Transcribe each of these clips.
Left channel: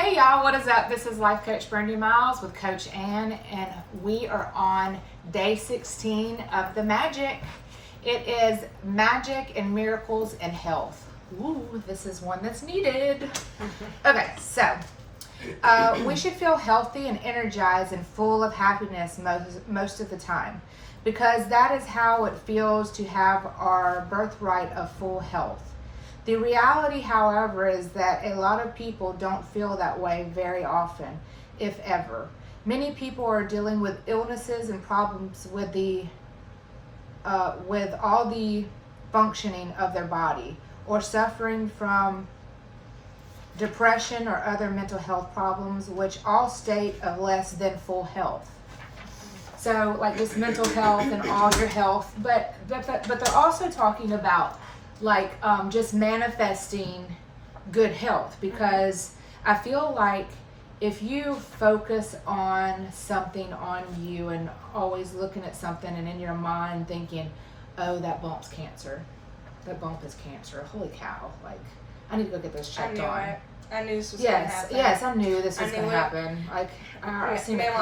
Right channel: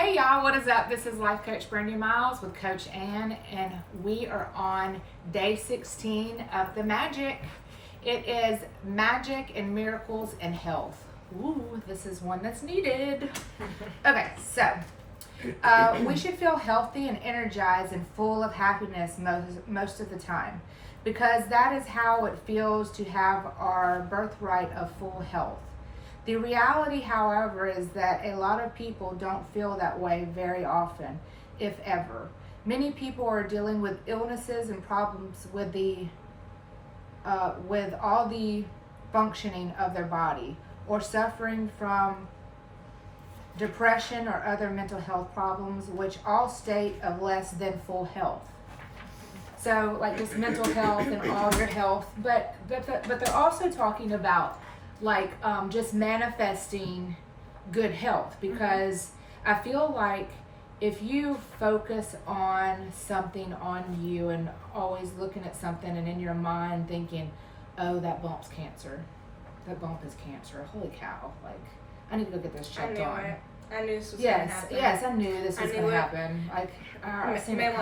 Hey y'all, what is up? This is Life Coach Brandi Miles with Coach Ann, and we are on day 16 of the magic. It is magic and miracles and health. Ooh, this is one that's needed. Okay, so we should feel healthy and energized and full of happiness most of the time, because that is how it feels to have our birthright of full health. The reality, however, is that a lot of people don't feel that way very often, if ever. Many people are dealing with illnesses and problems with all the functioning of their body, or suffering from depression or other mental health problems, which all state of less than full health. So, like just mental health and all your health, but they're also talking about just manifesting good health, because I feel like if you focus on something on you and always looking at something and in your mind thinking, oh, that bump's cancer, that bump is cancer, holy cow, like I need to go get this checked on. I knew this was going to happen. Yes, I knew this was going to happen. Like, Mama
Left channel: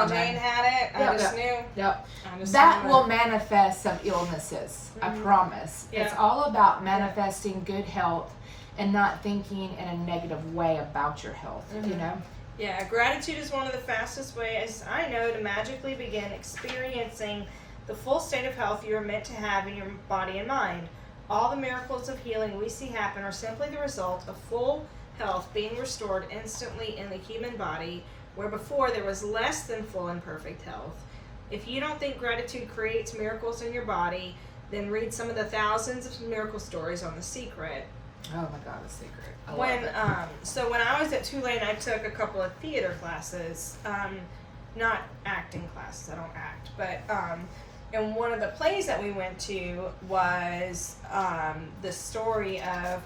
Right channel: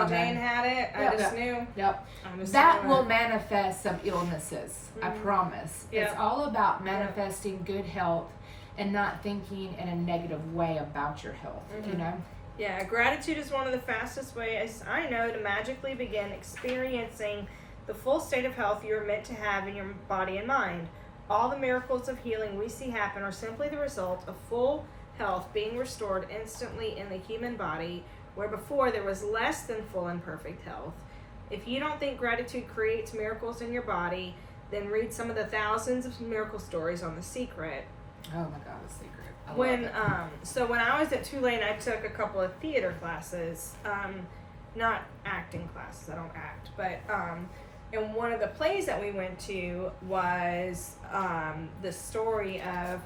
Jane had it. I just knew. Yep. That will manifest some illnesses. I promise. Yeah. It's all about manifesting good health and not thinking in a negative way about your health, you know? Yeah, gratitude is one of the fastest ways I know to magically begin experiencing the full state of health you are meant to have in your body and mind. All the miracles of healing we see happen are simply the result of full health being restored instantly in the human body, where before there was less than full and perfect health. If you don't think gratitude creates miracles in your body, then read some of the thousands of miracle stories on The Secret. Oh my God, The Secret. So when I was at Tulane, I took a couple of theater classes, not acting classes, I don't act, but and one of the plays that we went to was the story of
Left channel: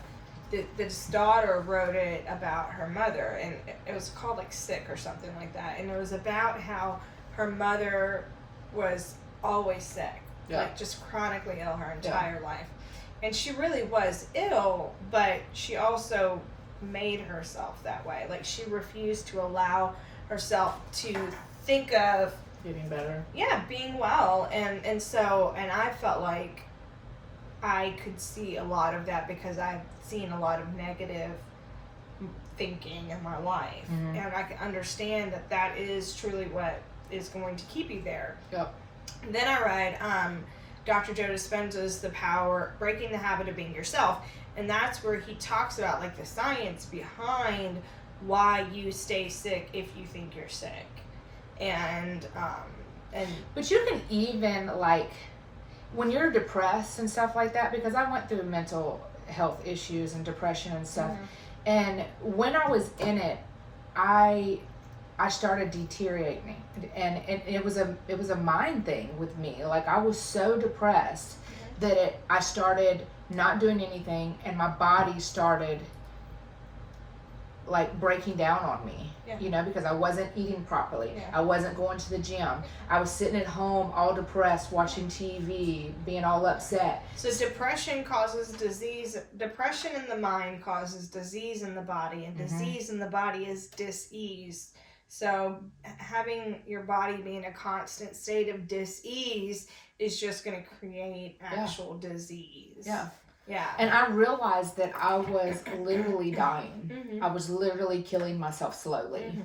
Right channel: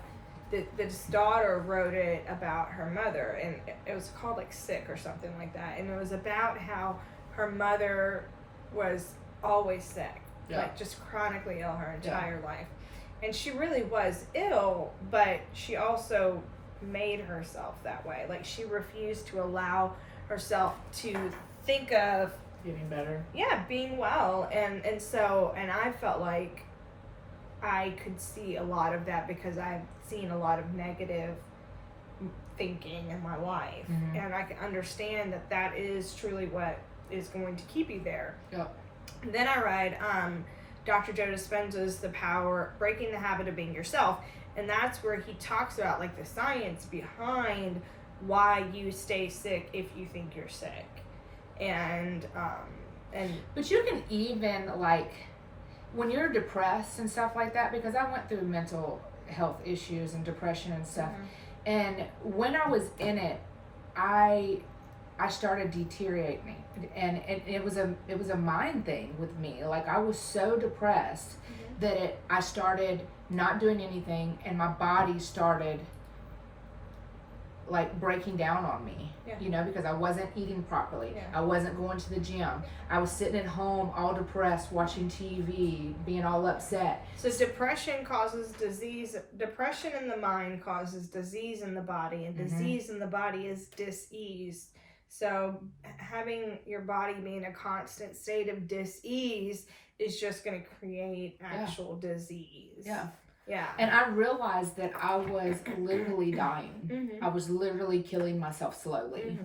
this daughter wrote it about her mother, and it was called like Sick or something like that, and it was about how her mother was always sick, like just chronically ill her entire life, and she really was ill, but she also made herself that way. Like she refused to allow herself to think of getting better, being well, and I felt like I could see a lot of that because I've seen a lot of negative thinking in my life, and I can understand that is truly what is going to keep you there. Yep. And then I read Dr. Joe Dispenza's Breaking the Habit of Being Yourself, and that's where he talks about like the science behind why you stay sick if you think you're sick, and but you can even like when you're depressed and stuff like that, because I went through mental health issues and depression and stuff, and when I was in it, I started deteriorating, and it was a mind thing with me. Like I was so depressed that I started not doing anything, and my body started like breaking down on me, you know, because I wasn't eating properly. I wasn't going to the gym. I was sitting at home all depressed, watching TV, being all upset. So depression causes disease. Depression in the mind causes disease in the body, and disease in the body is dis-ease. So having your body be in a constant state of dis-ease is just going to create actual disease. Yeah. And I realized that I was literally dying. I was literally killing myself slowly.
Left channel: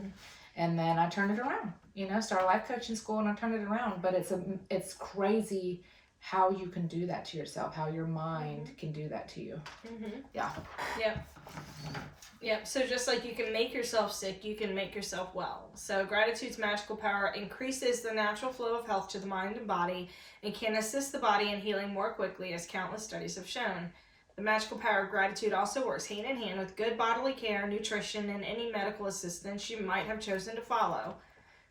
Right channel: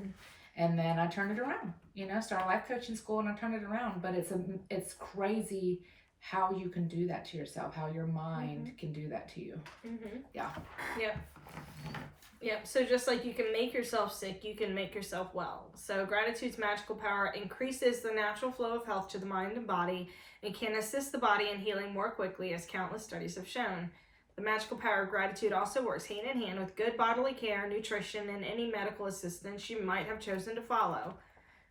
And then I turned it around. You know, started life coaching school and I turned it around. But it's crazy how you can do that to yourself, how your mind can do that to you. Yeah. Yep. So just like you can make yourself sick, you can make yourself well. So gratitude's magical power increases the natural flow of health to the mind and body, and can assist the body in healing more quickly, as countless studies have shown. The magical power of gratitude also works hand in hand with good bodily care, nutrition, and any medical assistance you might have chosen to follow.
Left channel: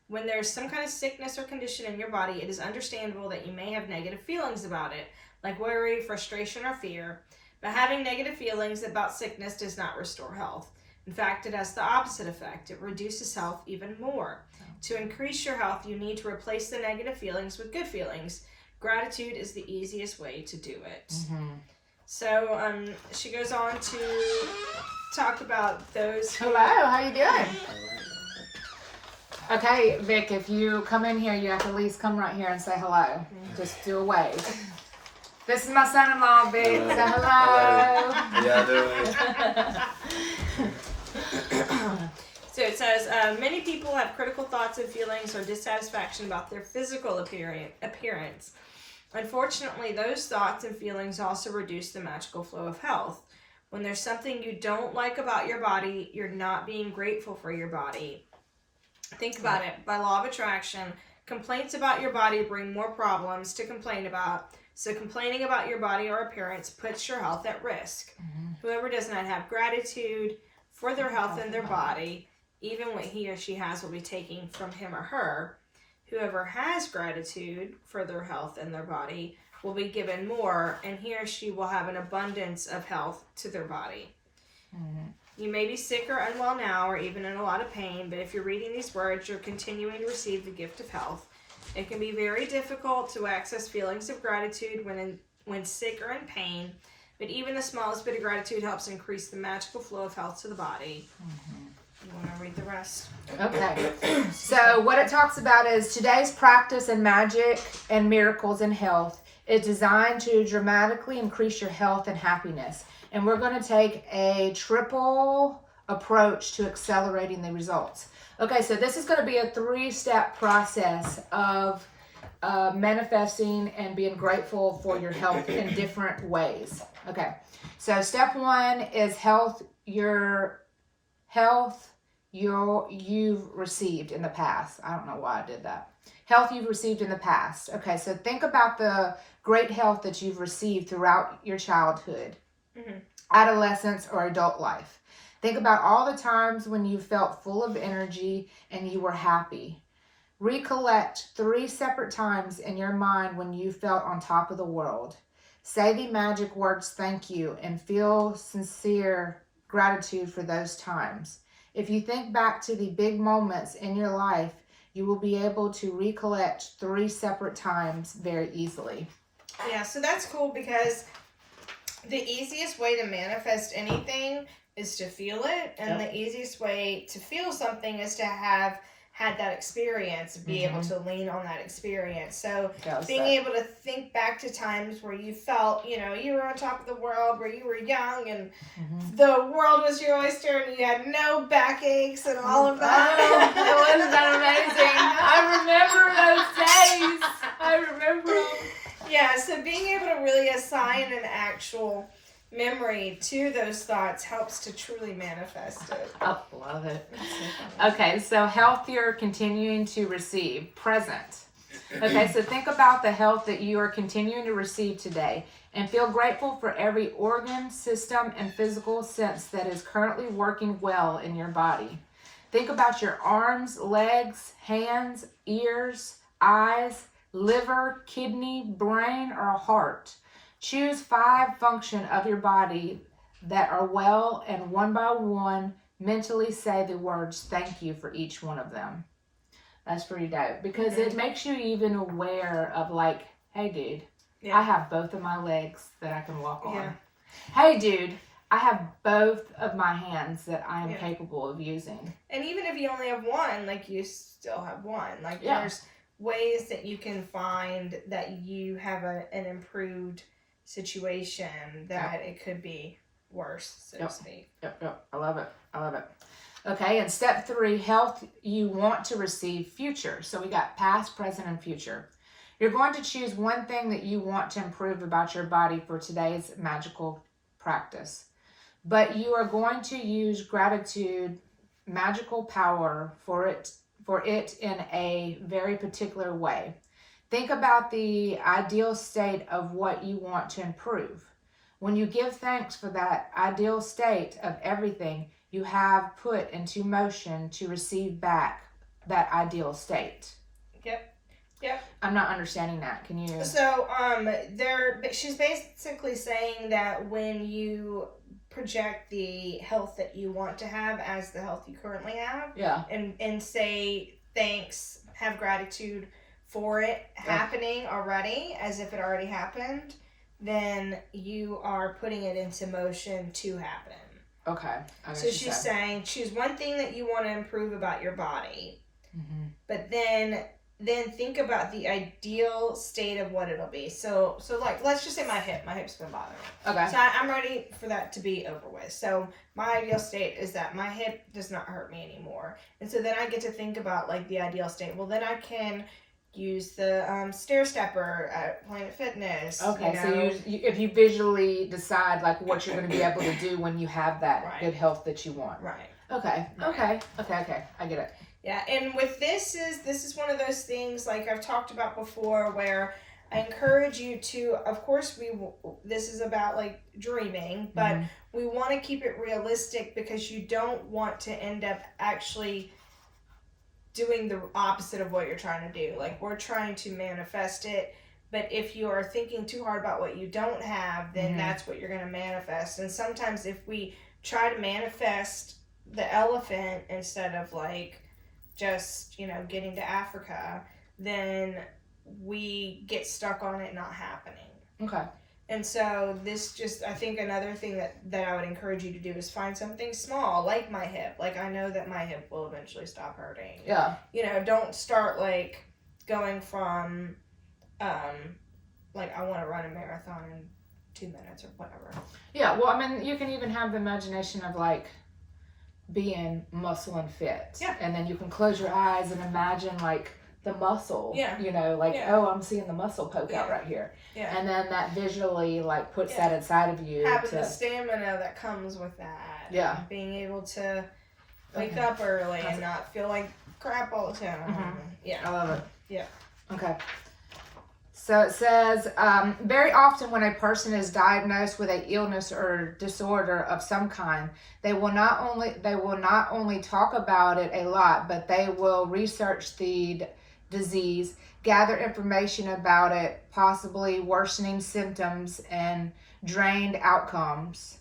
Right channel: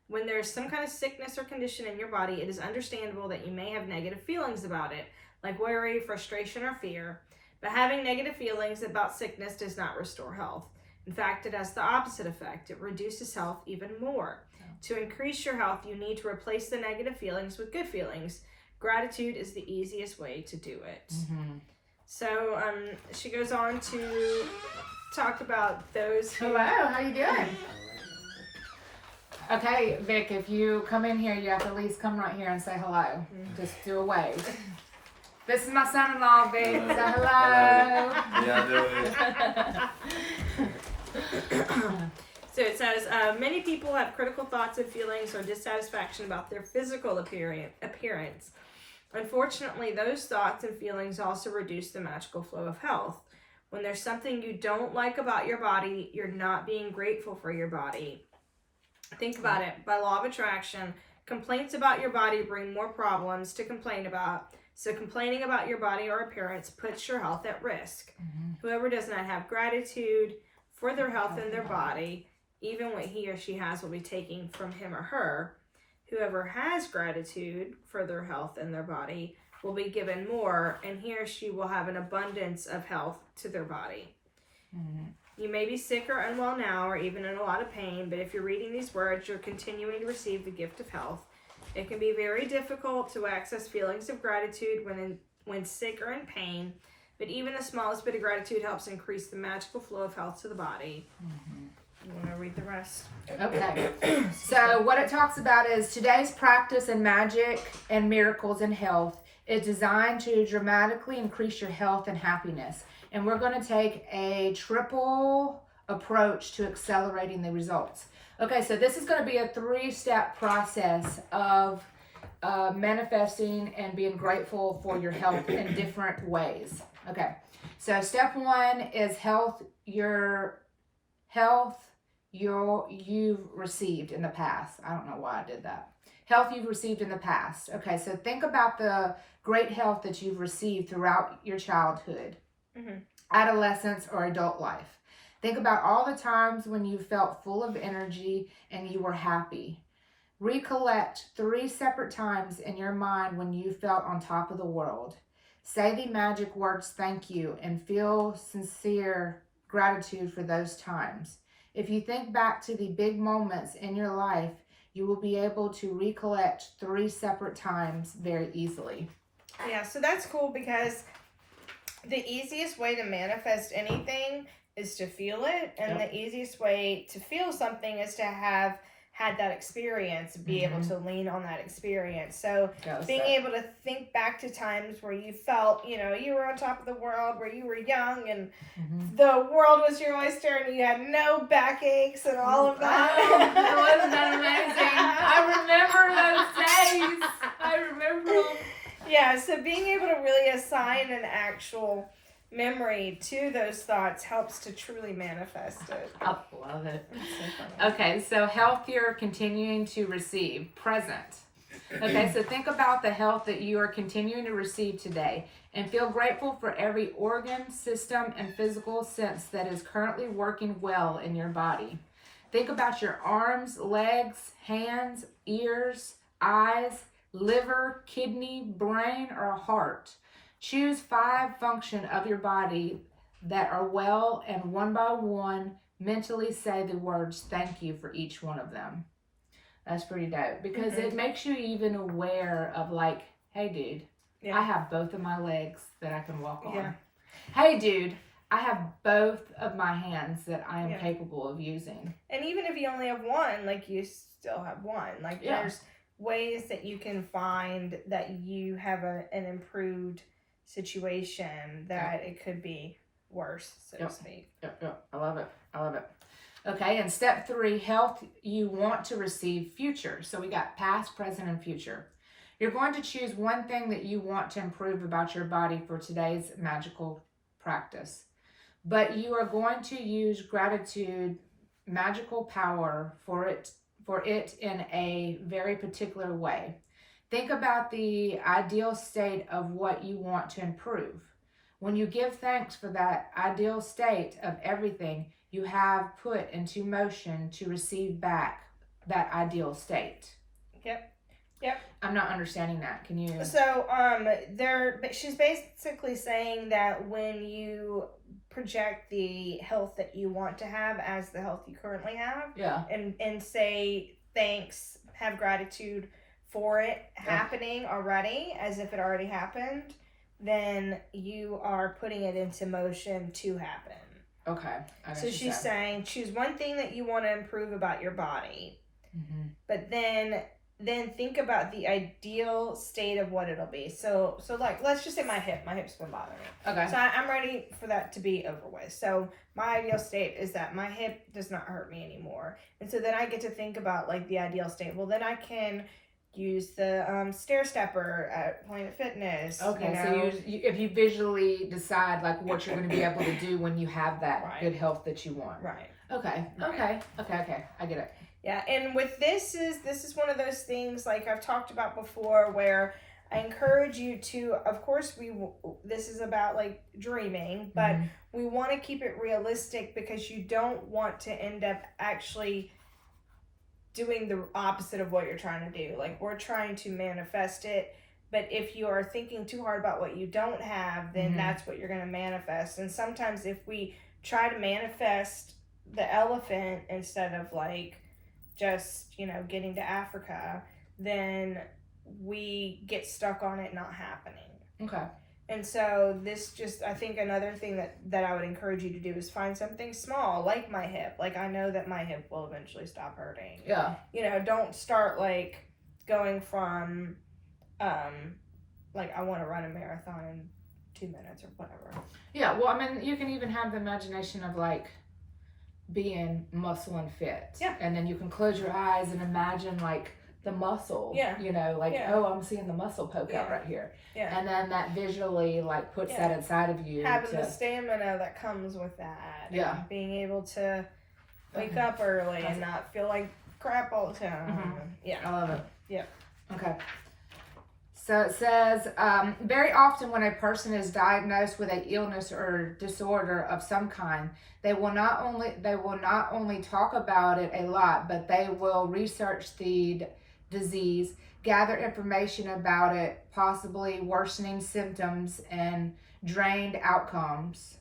When there's some kind of sickness or condition in your body, it is understandable that you may have negative feelings about it, like worry, frustration, or fear. But having negative feelings about sickness does not restore health. In fact, it has the opposite effect. It reduces health even more. To increase your health, you need to replace the negative feelings with good feelings. Gratitude is the easiest way to do it. So she goes on to talk about those who... Hello, how you doing? Okay, Vic, if you come in here, you have to at least come right here and say hello. Just do a wave. This is my son-in-law, Vic. Say hello. Yeah, So it says, many people have critical thoughts and feelings or dissatisfaction about their physical appearance. Unfortunately, those thoughts and feelings also reduce the magical flow of health. When there's something you don't like about your body, you're not being grateful for your body. Think about it. By law of attraction, complaints about your body bring more problems to complain about. So complaining about your body or appearance puts your health at risk. Whoever does not have gratitude for their health and their body, even what he or she has will be taken from him or her. Whoever has gratitude for their health and their body will be given more, and he or she will have an abundance of health to their body. You may be sick or unwell now, or even in a lot of pain, but if you're reading these words, you're continuing to receive the gift of health. It can be very difficult to access feelings of gratitude when sick or in pain, but even the smallest bit of gratitude helps increase the magical flow of health to the body. You want to read the rest? Okay. So what it talks about is today's practice in magic and miracles in health is designed to dramatically increase your health and happiness. And we're going to take a triple approach to accelerating the results. Okay, so this is going to be a 3-step process of manifesting and being grateful for your health in different ways. Okay, so step 1 is you've received in the past. I don't know why I did that. Health you've received in the past. Okay, so think about the great health that you've received throughout your childhood, adolescence, or adult life. Think about all the times when you felt full of energy and you were happy. Recollect 3 separate times in your mind when you felt on top of the world. Say the magic words thank you and feel sincere gratitude for those times. If you think back to the big moments in your life, you will be able to recollect 3 separate times very easily. Yeah, so that's cool because the easiest way to manifest anything is to feel it, and the easiest way to feel something is to have had that experience, be able to lean on that experience. So being able to think back to times where you felt, you were on top of the world, where you were young and the world was your oyster and you had no backaches and all of that. Wasn't that amazing? I remember those days. I remember them. Yeah, so being able to really assign an actual memory to those thoughts helps to truly manifest it. I love it. Okay, so health you're continuing to receive, present. Okay, so think about the health that you are continuing to receive today and feel grateful for every organ, system, and physical sense that is currently working well in your body. Think about your arms, legs, hands, ears, eyes, liver, kidney, brain, or heart. Choose 5 functions of your body that are well, and one by one, mentally say the words thank you for each one of them. That's pretty dope because it makes you even aware of like, hey dude, I have both of my legs that I can walk on. Yeah. Hey dude, I have both of my hands that I am capable of using. And even if you only have one, like you still have one. Like there's ways that you can find that you have an improved situation that it could be worse, so to speak. Yep. I love it. Okay, and step 3, health you want to receive, future. So we got past, present, and future. You're going to choose one thing that you want to improve about your body for today's magical practice. But you are going to use gratitude, magical power for it in a very particular way. Think about the ideal state of what you want to improve. When you give thanks for that ideal state of everything you have put into motion to receive back that ideal state. Yep. I'm not understanding that. Can you? So, she's basically saying that when you project the health that you want to have as the health you currently have, and say thanks, have gratitude for it happening already, as if it already happened, then you are putting it into motion to happen. Okay. So she's saying choose one thing that you want to improve about your body. but then think about the ideal state of what it'll be. So like, let's just say my hip's been bothering me. Okay. So I'm ready for that to be over with. So my ideal state is that my hip does not hurt me anymore. And so then I get to think about like the ideal state. Well, then I can use the stair stepper at Planet Fitness. Okay, you know? so if you visually decide like what you're going to be able to do when you have that Right. good health that you want. Right. Okay. Right. Okay. I get it. Yeah, and with this is one of those things like I've talked about before where I encourage you to, of course, this is about like dreaming, but we want to keep it realistic because you don't want to end up actually doing the opposite of what you're trying to do. Like, we're trying to manifest it, but if you are thinking too hard about what you don't have, then that's what you're going to manifest. And sometimes if we try to manifest the elephant instead of like just, getting to Africa, then we get stuck on it not happening. Okay. And so I think another thing that I would encourage you to do is find something small, like my hip. Like, I know that my hip will eventually stop hurting. Yeah. Don't start like going from, like, I want to run a marathon in 2 minutes or whatever. Yeah. Well, I mean, you can even have the imagination of like being muscle and fit. Yeah. And then you can close your eyes and imagine like the muscle. Yeah. Oh, I'm seeing the muscle poke out right here. Yeah. And then that visually like puts that inside of you. Having the stamina that comes with that. Yeah. And being able to wake up early and not feel like crap all the time. Yeah. I love it. Yeah. Okay. So it says, very often when a person is diagnosed with an illness or disorder of some kind, they will not only talk about it a lot, but they will research the disease, gather information about it, possibly worsening symptoms and drained outcomes.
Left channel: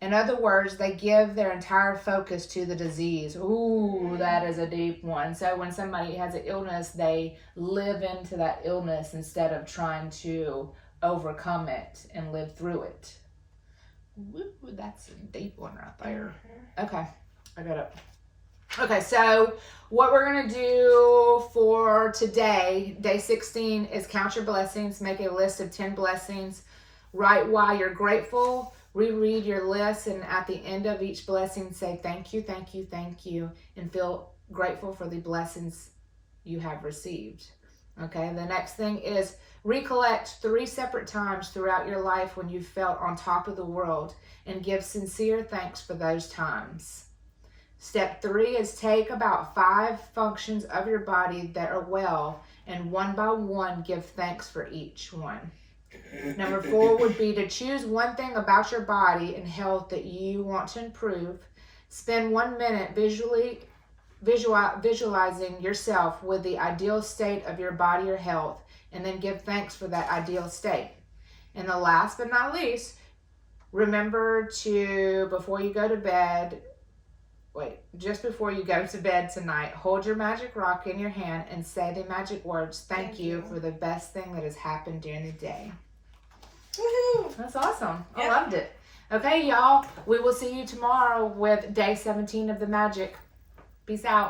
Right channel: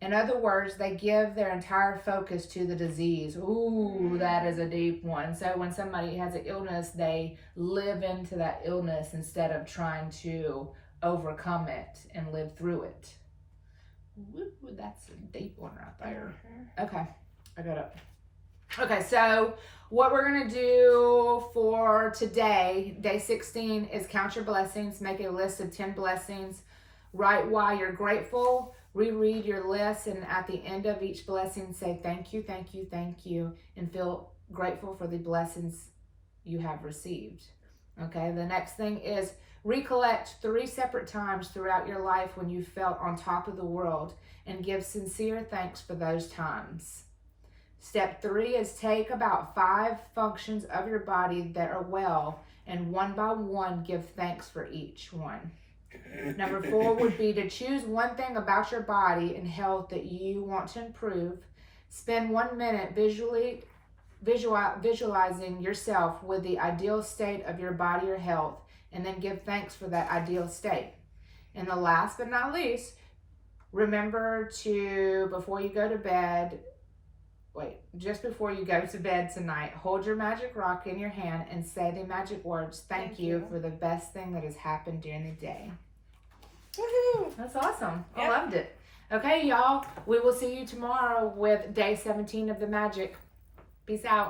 In other words, they give their entire focus to the disease. Ooh, that is a deep one. So when somebody has an illness, they live into that illness instead of trying to overcome it and live through it. Ooh, that's a deep one right there. Okay, I got it. Okay, so what we're going to do for today, day 16, is count your blessings. Make a list of 10 blessings. Write why you're grateful. Reread your list, and at the end of each blessing, say thank you, thank you, thank you, and feel grateful for the blessings you have received. Okay, the next thing is recollect 3 separate times throughout your life when you felt on top of the world and give sincere thanks for those times. Step 3 is take about 5 functions of your body that are well, and one by one give thanks for each one. Number 4 would be to choose one thing about your body and health that you want to improve. Spend 1 minute visualizing yourself with the ideal state of your body or health, and then give thanks for that ideal state. And the last but not least, remember to, before you go to bed tonight, hold your magic rock in your hand and say the magic words, thank you for the best thing that has happened during the day. Woohoo! That's awesome. Yep. I loved it. Okay, y'all, we will see you tomorrow with day 17 of the magic. Peace out.